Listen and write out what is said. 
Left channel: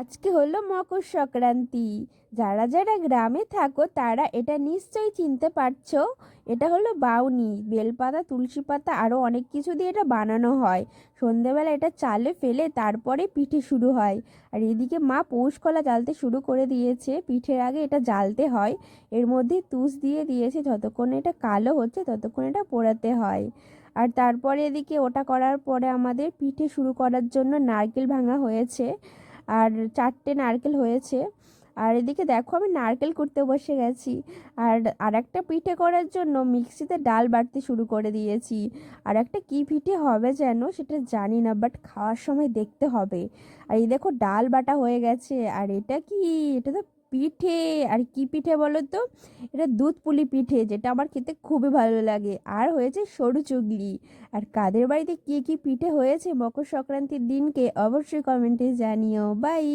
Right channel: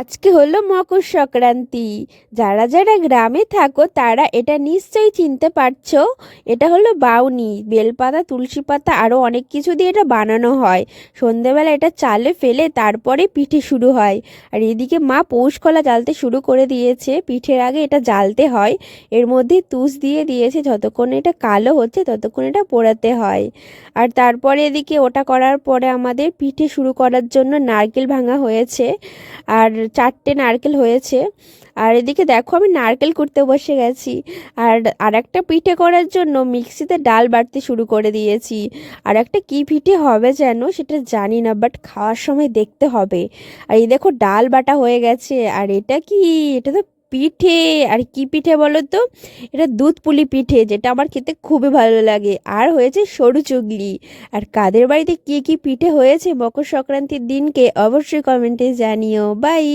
আজকে হলো মকর সংক্রান্তি। যারা যারা গ্রামে থাকো তারা এটা নিশ্চয়ই চিনতে পারছো। এটা হলো বাউনি, বেলপাতা, তুলসী পাতা আরও অনেক কিছু দিয়ে এটা বানানো হয়। সন্ধেবেলা এটা চালে ফেলে তারপরে পিঠে শুরু হয়। আর এদিকে মা পৌষ কলা জ্বালতে শুরু করে দিয়েছে। পিঠের আগে এটা জ্বালতে হয়, এর মধ্যে তুষ দিয়ে দিয়েছে। যতক্ষণ এটা কালো হচ্ছে ততক্ষণ এটা পোড়াতে হয়। আর তারপরে এদিকে ওটা করার পরে আমাদের পিঠে শুরু করার জন্য নারকেল ভাঙা হয়েছে। আর 4টে নারকেল হয়েছে। আর এদিকে দেখো আমি নারকেল কুড়তে বসে গেছি। আর আরেকটা পিঠে করার জন্য মিক্সিতে ডাল বাটতে শুরু করে দিয়েছি। আর একটা কী পিঠে হবে যেন সেটা জানি না, বাট খাওয়ার সময় দেখতে হবে। আর এই দেখো ডাল বাটা হয়ে গেছে। আর এটা কি? এটা তো পিঠে। আর কি পিঠে বলো তো? এটা দুধ পুলি পিঠে, যেটা আমার খেতে খুবই ভালো লাগে। আর হয়েছে সরু চুগলি। আর কাদের বাড়িতে কি কি পিঠে হয়েছে মকর সংক্রান্তির দিনকে অবশ্যই কমেন্টে জানিও। বাই।